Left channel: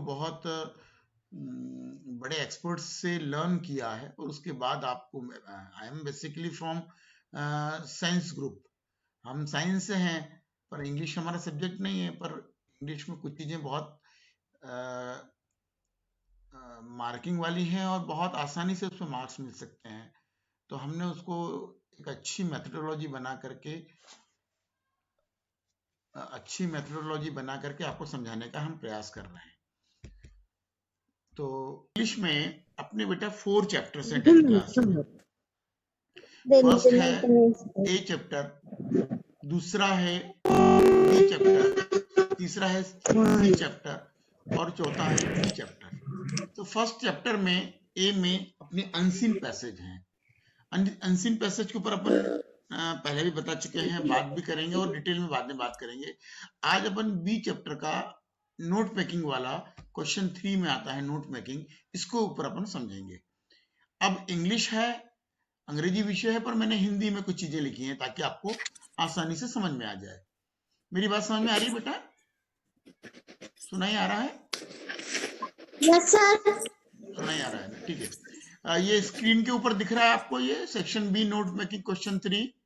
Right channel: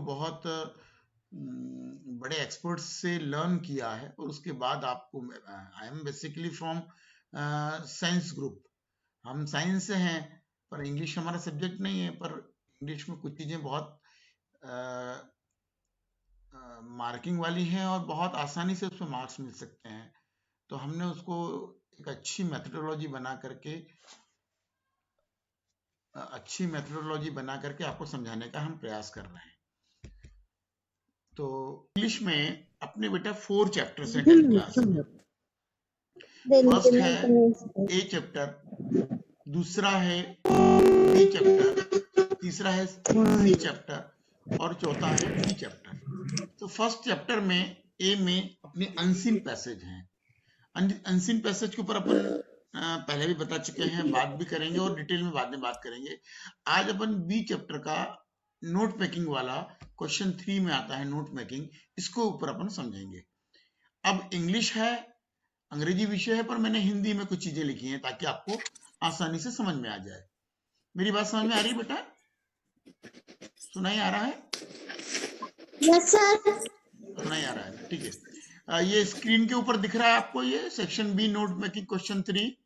उसको बहुत बड़े एक्सपर्ट्स से लर्न किया है और उसके बाद आपको I am basically from science group, हम साइंस से हैं पर इंग्लिश हमारा सब्जेक्ट नहीं है, पर इंग्लिश में कुछ चीज़ें बहुत मार्किंग वाली हैं और बहुत आसानी से उसमें मार्क्स मिल सकते हैं। तो हमने उसको एक अच्छी मेथडोलॉजी बना करके आपको समझाने का हम प्रयास कर रहे हैं। तो इंग्लिश में अपने बेटा 4 चैप्टर्स हैं 10th क्लास में। फर्स्ट है ए चैप्टर, दूसरा है बी चैप्टर, तीसरा है सी चैप्टर और चौथा है डी चैप्टर। तो फर्स्ट चैप्टर में ए में अपने अनसीन पैसेज हैं। अनसीन पैसेज के ऊपर अपन पहले भी बता चुके हैं, बात भी करेंगे और डिटेल में बाद में बात करेंगे। आज अपन बी चैप्टर का नोट मेकिंग वाला क्वेश्चन 3 में आता है नोट मेकिंग, इसको ऊपर अपन समझेंगे। अब इंग्लिश है, अंग्रेजी विषय है, पर मैंने हिंदी में कुछ चीजें लिखी हैं ताकि आपको आसानी से समझ में आ जाए। मेरी बात समझ में आ रही है बेटा? सुनाई आ रहा है? Yes sir. सुनाई आ रहा है, ठीक है। ये स्क्रीन के ऊपर दिख रहा है आपको, ये section B note making question 3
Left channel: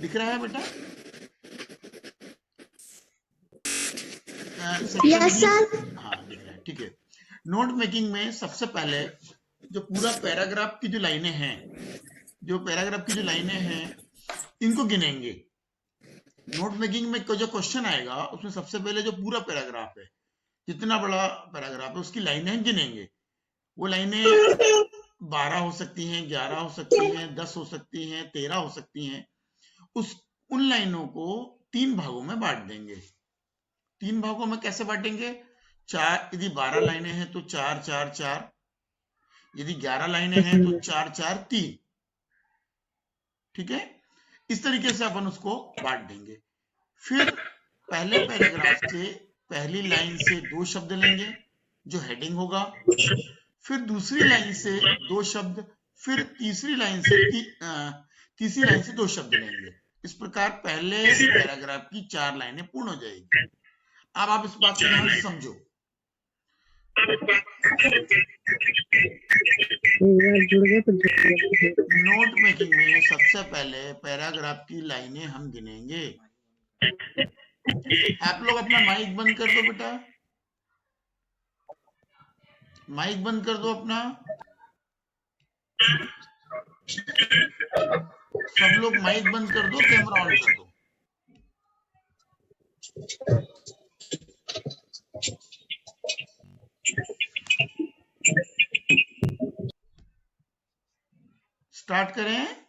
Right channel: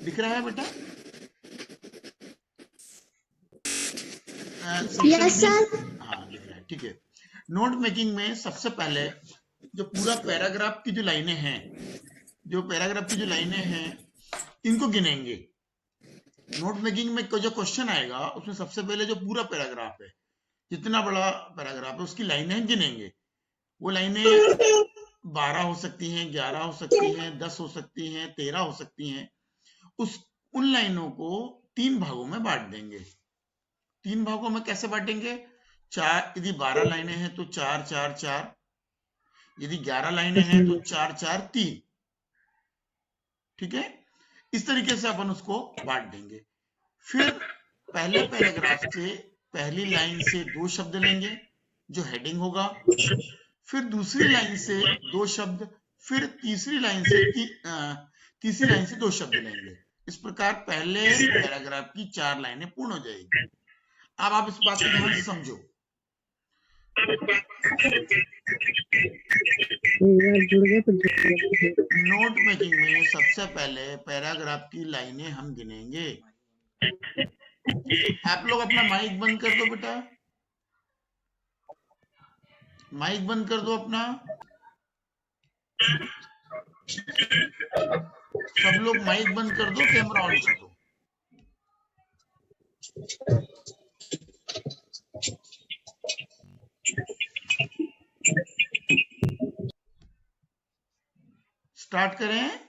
दिख रहा है बेटा? Yes sir. हाँ दिख रहा है, ठीक है। नोट मेकिंग में सबसे पहले जो पूरा पैराग्राफ की जो लाइनें हैं, इनको गिनेंगे। नोट मेकिंग में जो क्वेश्चन आएगा उसमें सबसे पहले जो पूरा पैराग्राफ है, जितना बड़ा पैराग्राफ है उसकी लाइनें गिनेंगे। वो लाइनें 12 हो सकती हैं, 11 हो सकती हैं, 10 हो सकती हैं, 13 हो सकती हैं। उन लाइनों को 3 भागों में बांट देंगे। 3 भागों में कैसे बांटेंगे? 4, यदि 12 लाइनें हैं तो 4 4 4, यदि 11 लाइनें हैं तो 4 4 3, ठीक है। इस तरीके से अपन उसको बांट देंगे। फिर पहले पैराग्राफ से पहली लाइन से 2 शब्द लेंगे जो हेडिंग होगा, फिर दूसरी लाइन से 2 शब्द, फिर तीसरी लाइन से 2 शब्द लेंगे। इस प्रकार पहले पैराग्राफ की 4 लाइनें पूर्ण हो जाएगी। अब आप इस बात को समझो। नोट मेकिंग में सबसे पहले पैराग्राफ की लाइनें हम गिनेंगे। आप लोग अपना माइक बंद कर दो बेटा, माइक बंद कर दो अपना। सब लोग माइक बंद कर दो, कैमरा ऑन कर दो। स्टार्ट करें?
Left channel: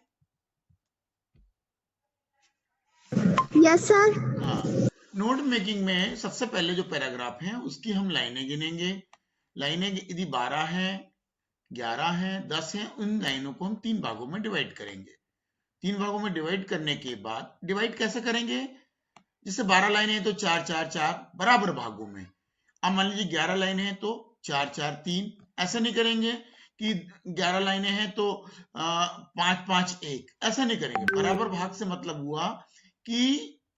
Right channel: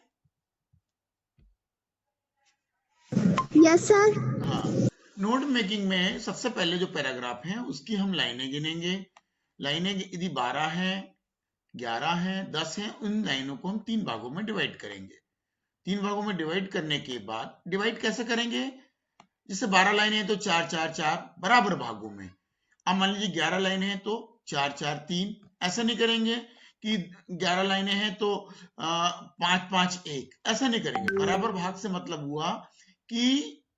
Yes sir. नोट मेकिंग में सबसे पहले जो पैराग्राफ है उसकी हम लाइनें गिनेंगे। लाइनें यदि 12 है, 11 है, 10 है, उन लाइनों को हम 3 भागों में डिवाइड करेंगे। 3 भागों में डिवाइड करने के बाद डिवाइड कैसे करेंगे? जैसे 12 लाइनें हैं तो 4 4 4 बराबर भागों में। अब मान लीजिए 11 लाइनें हैं तो 4 4 3, ऐसा नहीं करेंगे कि 11 लाइनें हैं तो 5 5 1, ऐसा नहीं करेंगे। बराबर भाग से मतलब हुआ कि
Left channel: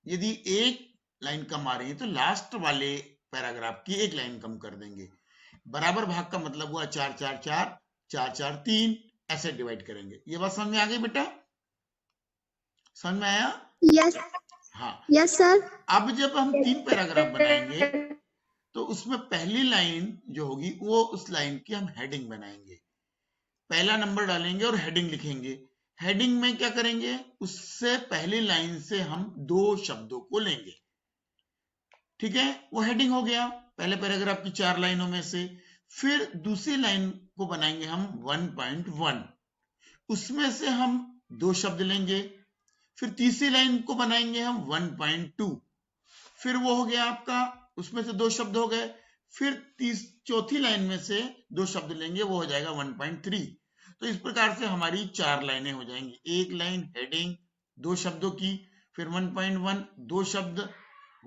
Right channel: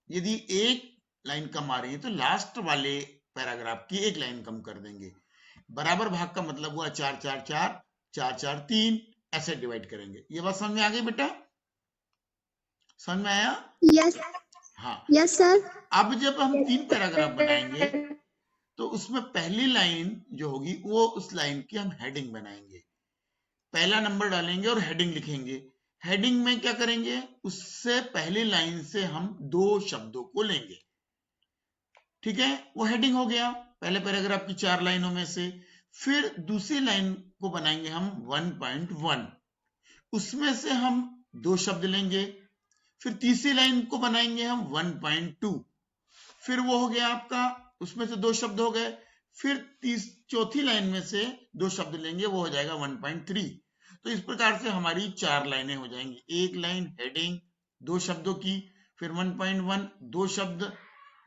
यदि एक लाइन कम आ रही है तो लास्ट वाले पैराग्राफ की एक लाइन कम कर देंगे। बराबर भाग का मतलब हुआ 4 4 4 4 4 3, ऐसे डिवाइड करेंगे। ये बात समझ में आ गई बेटा? समझ में आया? यस। हाँ यस सर। अब जब हम 3 पैराग्राफ बनाएंगे तो उसमें पहली लाइन जो होगी वो उस लाइन की हम हेडिंग बनाएंगे। पहला नंबर डालेंगे और हेडिंग लिखेंगे। हेडिंग में क्या करेंगे? उससे पहली लाइन से हम 2 शब्दों को लेंगे, ठीक है। वो हेडिंग हो गया पहले पैराग्राफ की 4 लाइनों में से। फिर दूसरी लाइन को बनाएंगे हम 1.1, उसमें से हम 2 शब्द लेंगे। फिर तीसरी लाइन को बनाएंगे हम 1.2, फिर वो हो गया आपका, उसमें से 2 शब्द हो गए। फिर चौथी लाइन में से 2 शब्द लेंगे, वो हो जाएगा 1.3। तो इस प्रकार से हमारी 4 लाइनें हो जाएंगी। एक लाइन हेडिंग 2 शब्दों की, फिर 1.1 2 शब्द,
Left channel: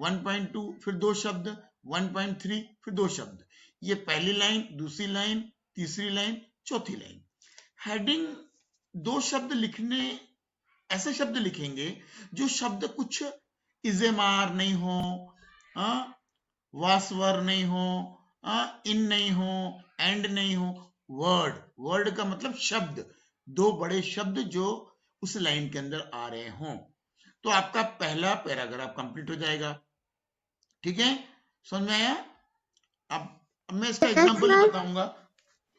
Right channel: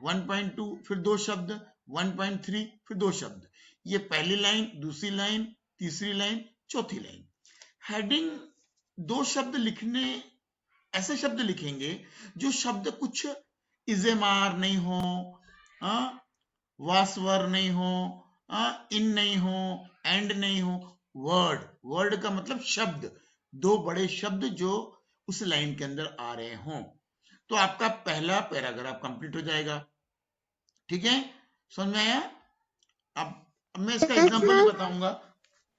1.2 फिर 2 शब्द, 1.3 फिर 2 शब्द। ये पहली लाइन, दूसरी लाइन, तीसरी लाइन, चौथी लाइन। हेडिंग 2 शब्द लिखने, ऐसे शब्द लिखेंगे जो शब्द कुछ इजेमार नहीं हो, वास वर नहीं हो, इन नहीं हो, एंड नहीं हो, वर्ड, वर्ड का मतलब शब्द, दो बड़े शब्द जो उस लाइन के अंदर आ रहे हों, तो आपका पहला पैराग्राफ कंप्लीट हो जाएगा। ठीक है, समझ में आया? अब मैं इसका Yes, एग्जांपल भी sir. बताऊंगा,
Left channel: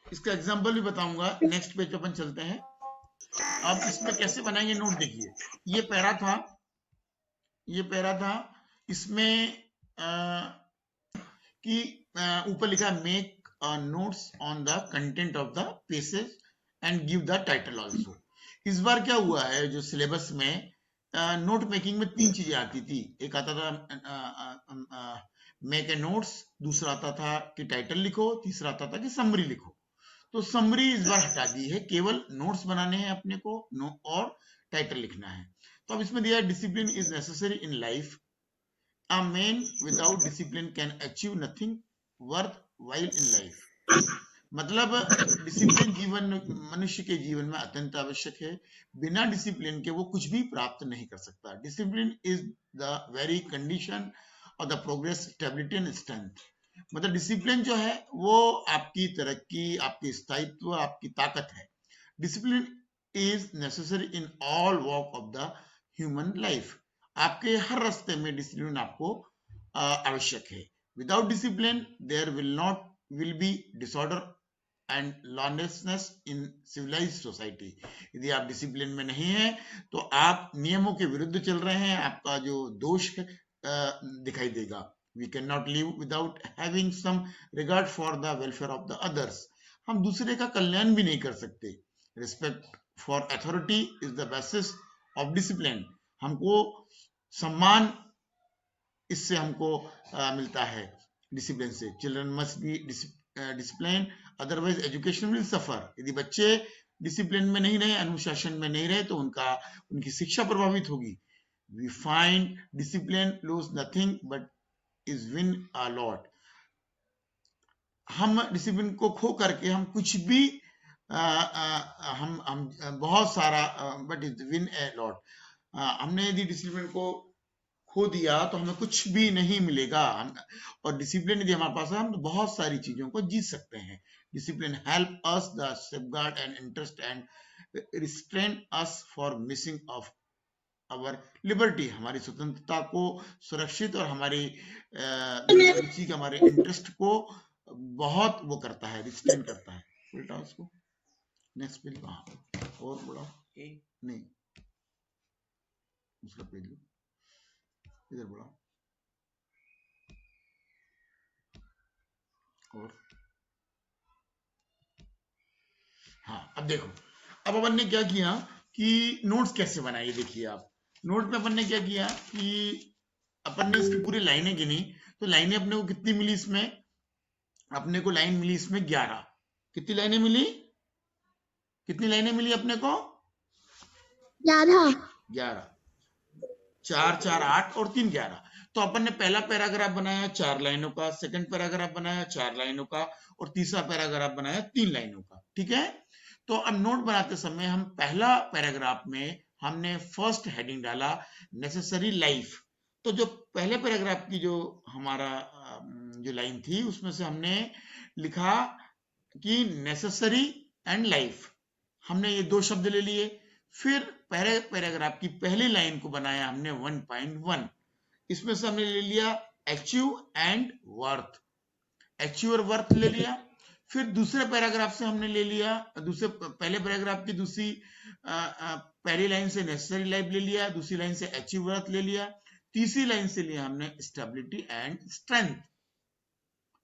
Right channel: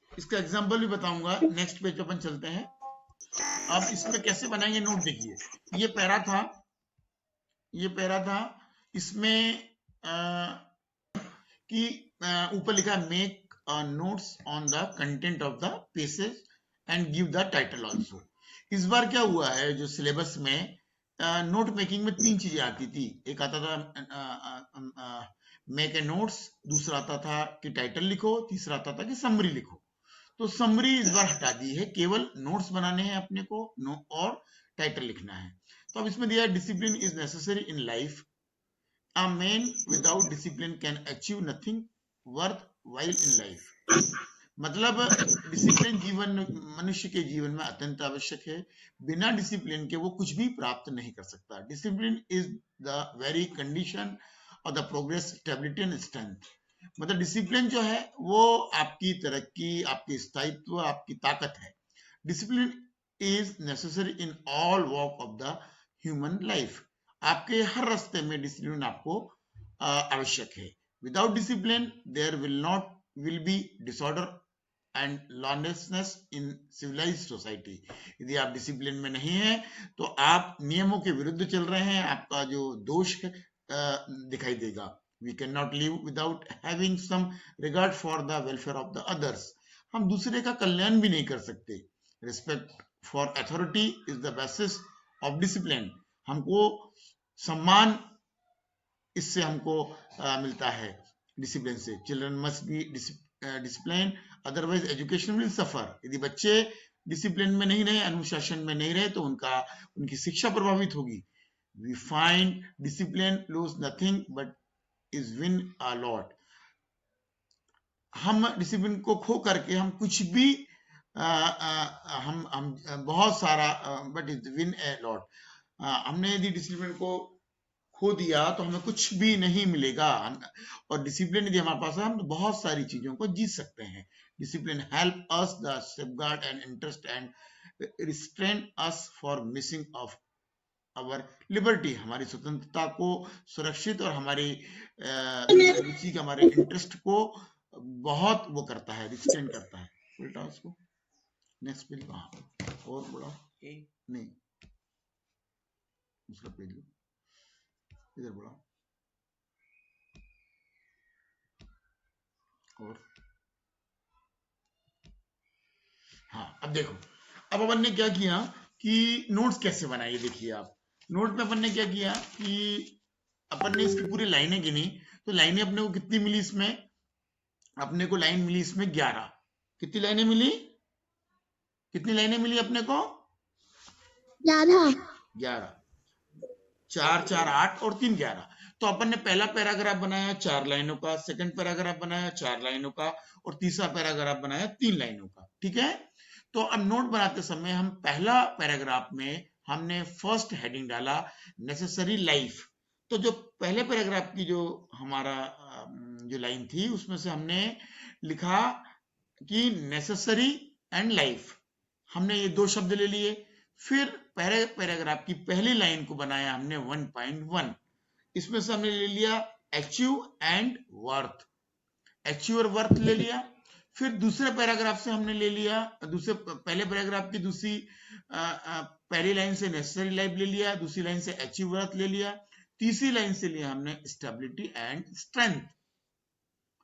इसका एग्जांपल भी बताऊंगा। नेक्स्ट पेज पे अपन चलते हैं। अब इसमें कैसे बनाएंगे नोट देखिए। ये पैरा था, ये पैरा था, इसमें कि ऊपर लिखा make notes on the content of the passage and give the title also. इस बार क्या हुआ है, जो सिलेबस में नोट मेकिंग में तीन चीजें आती थी। एक आता था मेक ए नोट्स, दूसरा आता था कि टाइटल लिखो, तीसरा आता था कि समरी लिखो। तो समरी इस बार हटा दी है, केवल नोट्स बनाने हैं अपने को, और टाइटल लिखना है। तो अब इसमें दिया है discipline is necessary in life, a man without discipline can achieve nothing worthwhile in life। मतलब डिसिप्लिन जीवन, मनुष्य के जीवन में अत्यंत आवश्यक है। बिना डिसिप्लिन के वो कुछ भी प्राप्त नहीं कर सकता। Discipline is the very condition of the progress, stability and strength. मतलब डिसिप्लिन जो है वो आपकी तरक्की, आपकी स्थायित्व, आपकी ताकत है। Discipline is necessary in all walk of the human life. आपके हर रास्ते में डिसिप्लिन आपको आवश्यक है। Without discipline there will be disorder and lawlessness in civilised society. यदि आप डिसिप्लिन में नहीं है तो आप नियमों के विरुद्ध चल रहे हैं, आपका जो दोष दिखाई देगा। We cannot live without having some regard for the welfare of the others। हम दूसरे का कल्याण भी नहीं कर सकते। Respect for authority is the basis of discipline। हमको सम्मान इससे हमको मिलता है, डिसिप्लिन से। Children must be discipline, otherwise education will suffer. यदि बच्चे डिसिप्लिन में नहीं रहे, अनुशासन में नहीं रहे, तो उनकी शिक्षा प्रभावित होगी। We find discipline lose nothing but is win a lot. हम डिसिप्लिन को खो करके हम कुछ भी हम बहुत सारा, but is win a lot. हमने यदि डिसिप्लिन को खो दिया तो हमें कुछ भी नहीं मिलेगा। और डिसिप्लिन यदि हमारे पास है, हम बहुत सारी चीजों को जीत सकते हैं। Discipline help us the safeguard and interest and restrain us for missing of our liberty. हमारी स्वतंत्रता को सुरक्षित और हमारी रुचि, हमारे इंटरेस्ट को बहुत वो करता है, रिस्ट्रेन करता है। उल्टा उसको नेक्स्ट पेज, और बोला नहीं, दूसरा पेज इधर बोला। और हाँ, अब देखो, अब अपन ने क्या किया कि नोट्स कैसे बनाए। देखिए आप नोट में अपन ने क्या किया कि अपन ने इसकी पूरी लाइनें गिनी। तो लाइनें अपने को कितनी मिली इसमें? अपने को लाइन मिली इसमें 11। कितनी लाइनें मिली? कितनी लाइनें मिली अपने को? 11। 11। 4 4 8 और 3 11। तो अपन ने पहला पैराग्राफ बनाया 4 लाइनों का, सेकंड पैराग्राफ बनाया 4 लाइनों का, और तीसरा पैराग्राफ बनाया 3 लाइनों का। ठीक है, तो अब नोट बनाते समय हम पहला पैराग्राफ में हमने फर्स्ट हेडिंग डाला नेसेसरी लाइफ। तो जो पहले पैराग्राफ की जो हमारा जो लाइन थी, उसमें से हमने लिखा कि नेसेसरी एंड लाइफ। हमने ये दो शब्द ले लिए। फिर पहले पैराग्राफ की पहली लाइन को बनाया हमने 1.1। इसमें से हमने ले लिया अचीव एंड वर्थ, अचीव और वर्थ ले लिया। फिर दूसरे पैराग्राफ से हमने ले लिया, दूसरे पहले पैराग्राफ की दूसरी पहली लाइन से नेसेसरी लाइफ ले लिया, दूसरी लाइन से अचीव वर्थ ले लिया, तीसरी लाइन से लिया हमने stability and strength.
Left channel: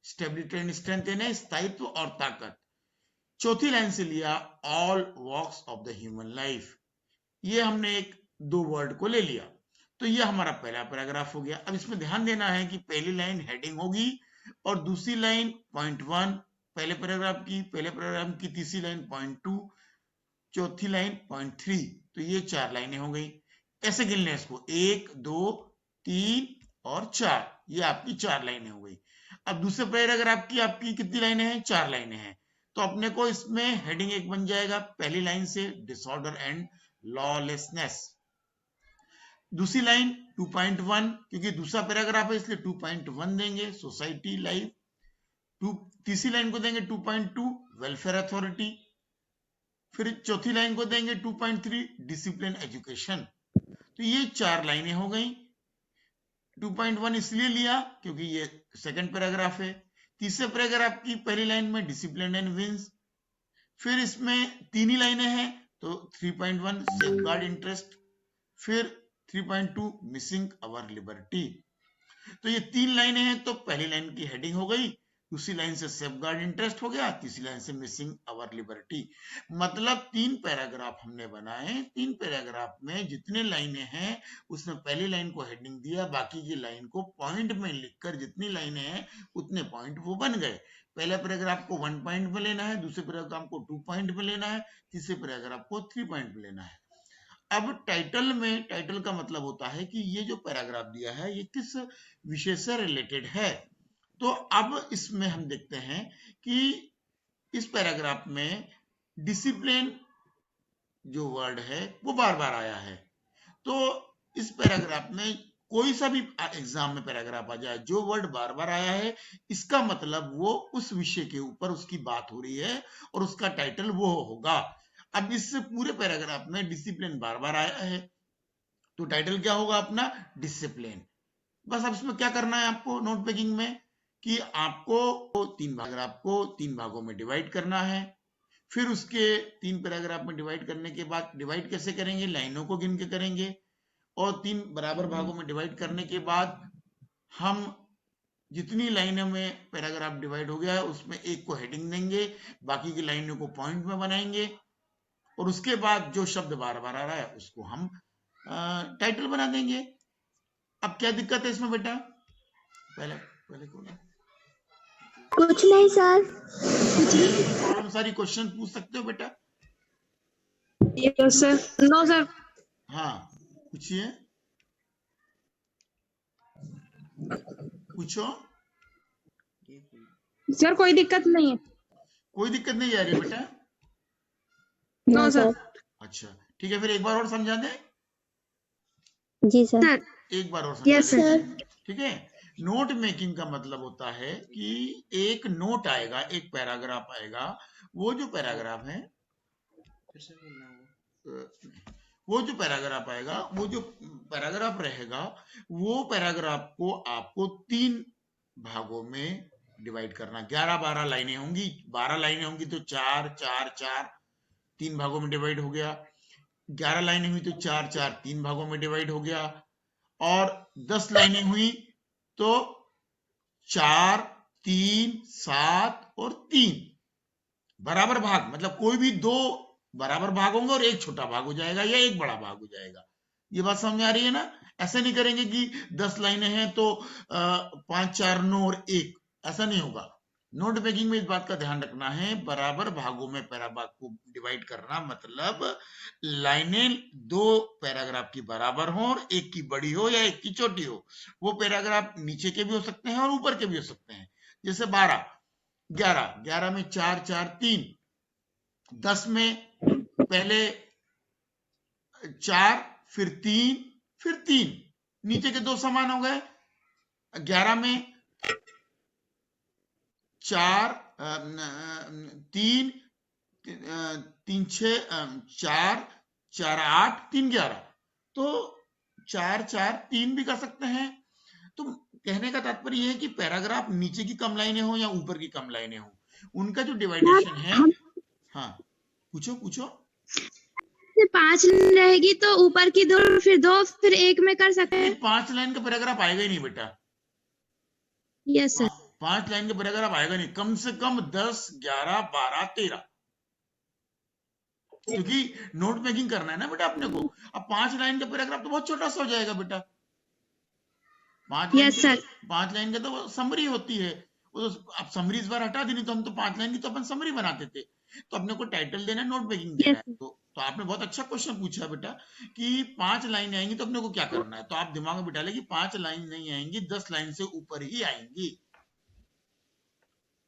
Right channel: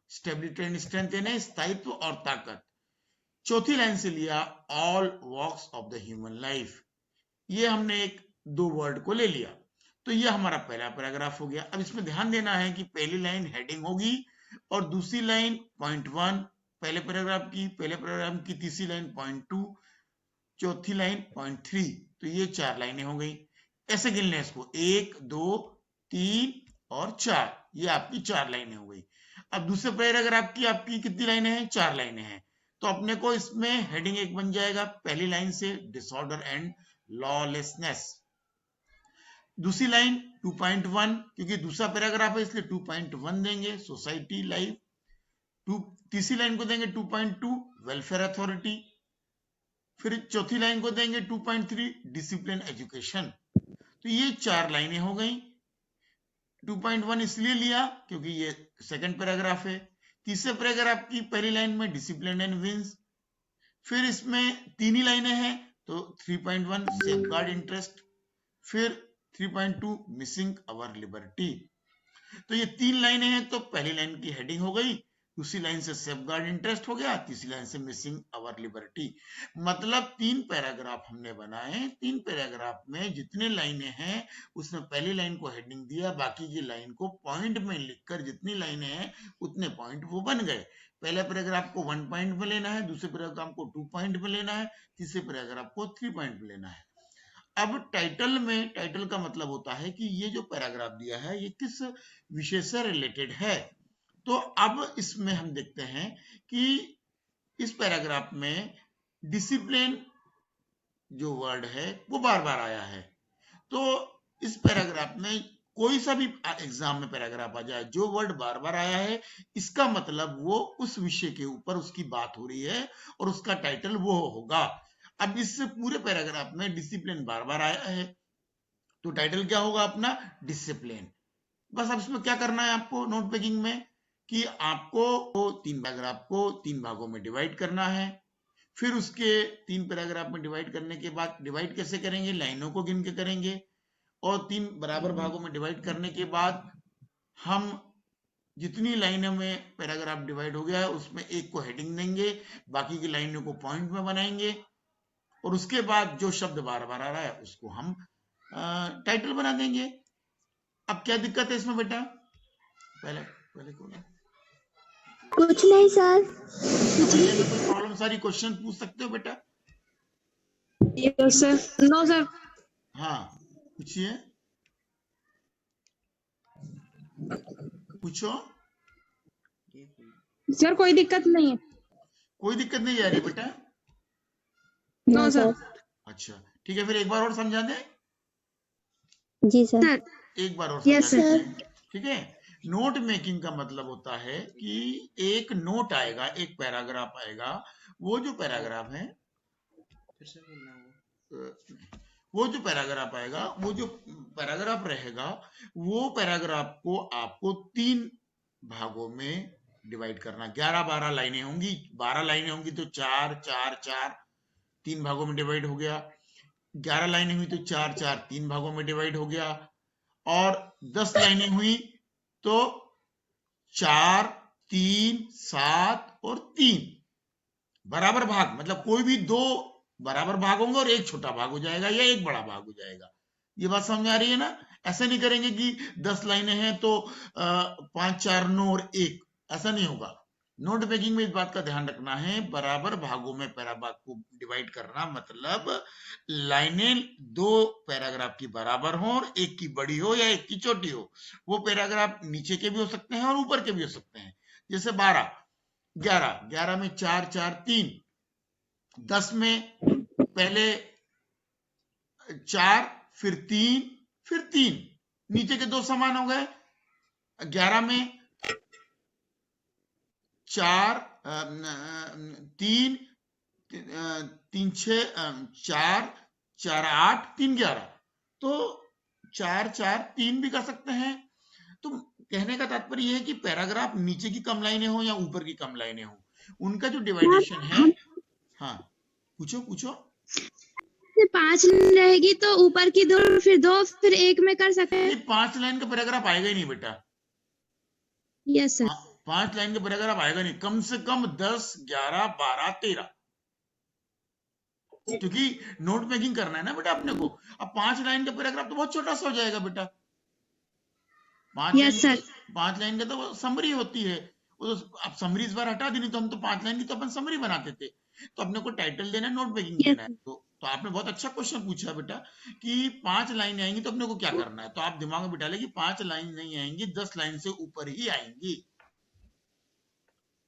Stability and strength है स्थायित्व और ताकत। चौथी लाइन से लिया all walks of the human life. ये हमने एक दो वर्ड को ले लिया। तो ये हमारा पहला पैराग्राफ हो गया। अब इसमें ध्यान देना है कि पहली लाइन हेडिंग होगी और दूसरी लाइन पॉइंट 1 पहले पैराग्राफ की तीसरी लाइन पॉइंट 2, चौथी लाइन पॉइंट 3। तो ये 4 लाइनें हो गई। कैसे गिनना है इसको? 1 2 3 और 4, ये आपकी 4 लाइनें हो गई। अब दूसरे पैराग्राफ की आपकी कितनी लाइनें हैं? 4 लाइनें हैं। तो अपने को इसमें हेडिंग एक बन जाएगा पहली लाइन से डिसऑर्डर एंड लॉलेसनेस। दूसरी लाइन 2.1, क्योंकि दूसरा पैराग्राफ है इसलिए 2.1 देंगे, सोसाइटी लाइफ। तीसरी लाइन को देंगे 2.2, वेलफेयर अथॉरिटी। फिर चौथी लाइन को देंगे 2.3, डिसिप्लिन एजुकेशन। तो ये 4 लाइनें हो गई। 2.1 इसलिए लिया क्योंकि ये सेकंड पैराग्राफ है। तीसरे पैराग्राफ की पहली लाइन में डिसिप्लिन एंड विंस, फिर इसमें 3 ही लाइनें हैं तो 3.1 सेफगार्ड इंटरेस्ट, फिर 3.2 मिसिंग आवर लिबर्टी। तो ये 3 लाइनें हैं तो पहली लाइन की हेडिंग हो गई, दूसरी लाइन से सेफगार्ड इंटरेस्ट हो गया, तीसरी लाइन से मिसिंग आवर लिबर्टी। मतलब 3 पैराग्राफ हमने बनाए। 3 पैराग्राफ में जितने लाइनें हैं उसमें पहली लाइन को हेडिंग दिया, बाकी की लाइन को पॉइंट में लिखकर जितनी लाइनें हैं उतने पॉइंट वो बन गए। पहले पैराग्राफ को 1 पॉइंट पे लेना है, दूसरे पैराग्राफ को 2 पॉइंट पे लेना है, तीसरे पैराग्राफ को 3 पॉइंट पे लेना है। अब टाइटल में, टाइटल का मतलब होता है कि ये जो पैराग्राफ दिया है ये किस विषय से रिलेटेड है। तो अब इसमें हम देखते हैं कि इस पैराग्राफ में डिसिप्लिन जो वर्ड है वो बार बार आया है। तो इस पैराग्राफ में कोई सा भी एग्जाम में पैराग्राफ आ जाए, जो वर्ड बार बार आया है इसका मतलब वो उस विषय के ऊपर उसकी बात हो रही है और उसका टाइटल वो होगा। अब इस पूरे पैराग्राफ में डिसिप्लिन बार बार आया है तो टाइटल क्या होगा अपना, डिसिप्लिन। बस अब उसमें क्या करना है आपको नोट पेकिंग में कि आपको 3 पैराग्राफ को 3 भागों में डिवाइड करना है। फिर उसके 3 पैराग्राफ में डिवाइड करने के बाद डिवाइड कैसे करेंगे, लाइनों को गिन के करेंगे और 3 बराबर भागों में डिवाइड करने के बाद हम जितनी लाइनों में पैराग्राफ डिवाइड हो गया उसमें एक को हेडिंग देंगे, बाकी की लाइनों को पॉइंट में बनाएंगे और उसके बाद जो शब्द बार बार आया है उसको हम टाइटल बना देंगे। अब क्या दिक्कत है इसमें बेटा? कुछ नहीं सर। बहुत सारी क्वेश्चन पूछ सकते हो बेटा। Yes sir. No sir. हाँ पूछिए, पूछो। सर कोई दिक्कत नहीं है। कोई दिक्कत नहीं है बेटा? No sir. अच्छा ठीक है, फिर एक बार और समझा दें। जी सर। एक बार और यस सर। ठीक है। नोट मेकिंग का मतलब होता है कि एक नोट आएगा, एक पैराग्राफ आएगा, वो जो पैराग्राफ है वो जो पैराग्राफ आएगा, वो जो पैराग्राफ रहेगा वो पैराग्राफ को आपको 3 भागों में डिवाइड करना। 11-12 लाइनें होंगी, 12 लाइनें होंगी तो 4 4 4 3 भागों में डिवाइड हो गया। 11 लाइनें हुई तो 4 4 3 भागों में डिवाइड हो गया। और 10 लाइनें हुई तो 4 3 7 और 3 बराबर भाग, मतलब कोई भी 2 बराबर भाग होगा और एक छोटा भाग हो जाएगा या एक बड़ा भाग हो जाएगा। ये बात समझ आ रही है ना? ऐसा नहीं करेंगे कि 10 लाइनें हैं तो 5 4 9 और 1, ऐसा नहीं होगा। नोट मेकिंग में इस बात का ध्यान रखना है, बराबर भागों में पैराग्राफ को डिवाइड करना, मतलब लाइनें 2 पैराग्राफ की बराबर हो, एक की बड़ी हो या एक की छोटी हो। वो पैराग्राफ नीचे के भी हो सकते हैं और ऊपर के भी हो सकते हैं। जैसे 12 11 में 4 4 3, 10 में पहले 4 फिर 3 फिर 3, नीचे के 2 समान हो गए। 11 में 4 3 3 6 4 4 8 3 11, तो 4 4 3 भी कर सकते हैं। तो कहने का तात्पर्य ये है कि पैराग्राफ नीचे की कम लाइनें हो या ऊपर की कम लाइनें हो, उनका जो डिवाइडेशन है। हाँ पूछो पूछो। 5 रहेगी तो ऊपर की 2 फिर 2 फिर 1 में कर सकते हैं। 5 लाइन का पैराग्राफ आएगा ही नहीं बेटा। Yes sir. 5 लाइन का पैराग्राफ आएगा नहीं, कम से कम 10 11 12 13, क्योंकि नोट में ही करना है ना बेटा आपने को। अब 5 लाइन का पैराग्राफ बहुत छोटा सा हो जाएगा बेटा। 5 यस सर। 5 लाइन की तो समरी होती है, आप समरी इस बार हटा दी तो हम तो 5 लाइन की अपन समरी बनाते थे, तो अपने को टाइटल देना है, नोट मेकिंग देना है। तो आपने बहुत अच्छा क्वेश्चन पूछा बेटा कि 5 लाइन आएंगी तो अपने को क्या करना है। तो आप दिमाग में डालिए कि 5 लाइन नहीं आएंगी, 10 लाइन से ऊपर ही आएंगी।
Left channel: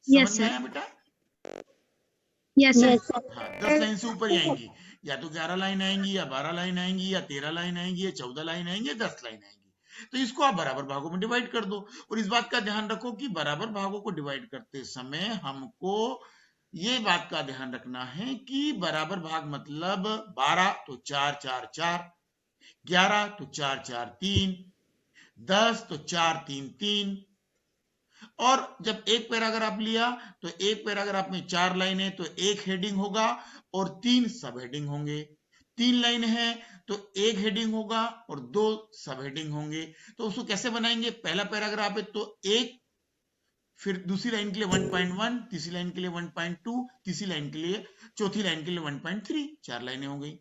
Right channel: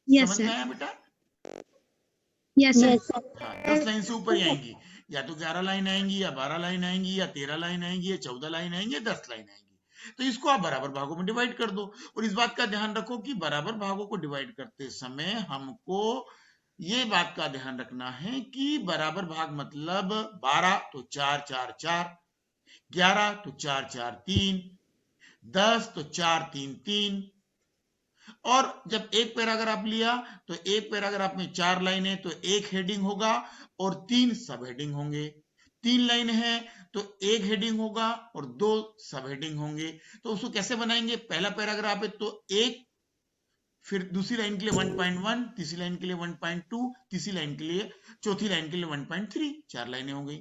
Yes sir. बेटा यस सर। 10 लाइन से ऊपर ही आएंगी। या तो 11 लाइन आएंगी, या 12 लाइन आएंगी, या 13 लाइन आएंगी, या 14 लाइन आएंगी, या 10 लाइन आएंगी। तो इसको आप बराबर भागों को डिवाइड कर दो। और इस बात का ध्यान रखो कि बराबर भागों को डिवाइड करते समय हमको ये बात का ध्यान रखना है कि बराबर भाग मतलब 12 तो 4 4 4, 11 तो 4 4 3, 10 तो 4 3 3। और जब एक पैराग्राफ लिया तो एक पैराग्राफ में 4 लाइनें तो एक हेडिंग होगा और 3 सब हेडिंग होंगे। 3 लाइनें हैं तो एक हेडिंग होगा और 2 सब हेडिंग होंगे। तो उसको कैसे बनाएंगे? पहला पैराग्राफ है तो एक, फिर दूसरी लाइन के लिए 1.1, तीसरी लाइन के लिए 1.2, तीसरी लाइन के लिए, चौथी लाइन के लिए 1.3, 4 लाइनें हो गई।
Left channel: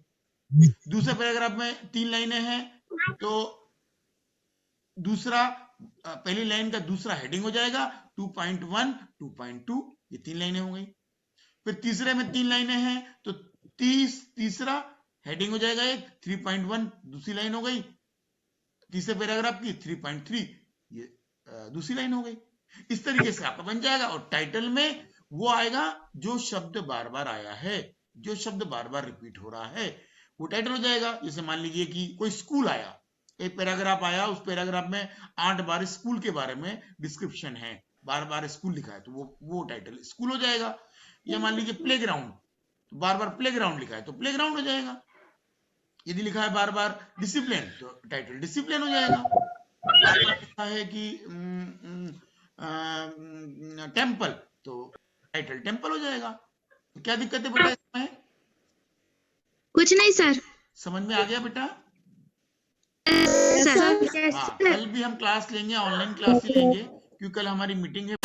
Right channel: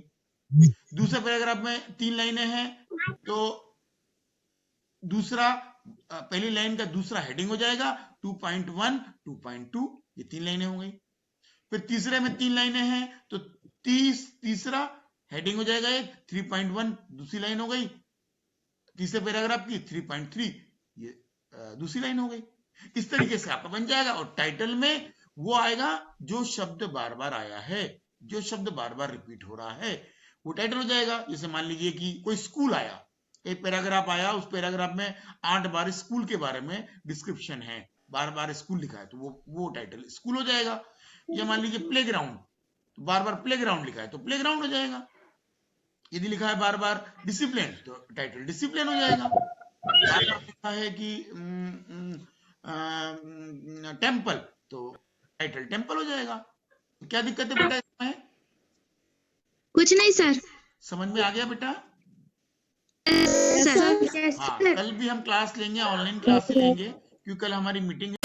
दूसरे पैराग्राफ में 3 लाइनें हैं तो दूसरा पहली लाइन का दूसरा हेडिंग हो जाएगा 2.1, 2.2, ये 3 लाइनें हो गई। फिर तीसरे में 3 लाइनें हैं तो तीसरा हेडिंग हो जाएगा 3.1, दूसरी लाइन हो गई। तीसरे पैराग्राफ की 3.3, ये दूसरी लाइन हो गई। इस तरीके से आपका बन जाएगा। और टाइटल में वो आएगा जो शब्द बार बार आया है, जो शब्द बार बार रिपीट हो रहा है, वो टाइटल हो जाएगा। जैसे मान लीजिए कि कोई स्कूल आया, एक पैराग्राफ आया, उस पैराग्राफ में 8 बार स्कूल के बारे में डिस्क्रिप्शन है, बार बार स्कूल लिखा है, तो वो टाइटल स्कूल हो जाएगा। या मान लीजिए प्लेग्राउंड, बार बार प्लेग्राउंड लिखा है तो प्लेग्राउंड हो जाएगा। यदि लिखा है बार बार डिसिप्लिन तो टाइटल डिसिप्लिन हो जाएगा। लिखा है कि टेंपल तो टाइटल टेंपल हो जाएगा। क्या दिक्कत है? कुछ नहीं सर। समझ में आ गया बेटा? सर कल भी हम क्लास लेंगे, ऑनलाइन क्लास लेंगे, क्योंकि कल हमारी मीटिंग है।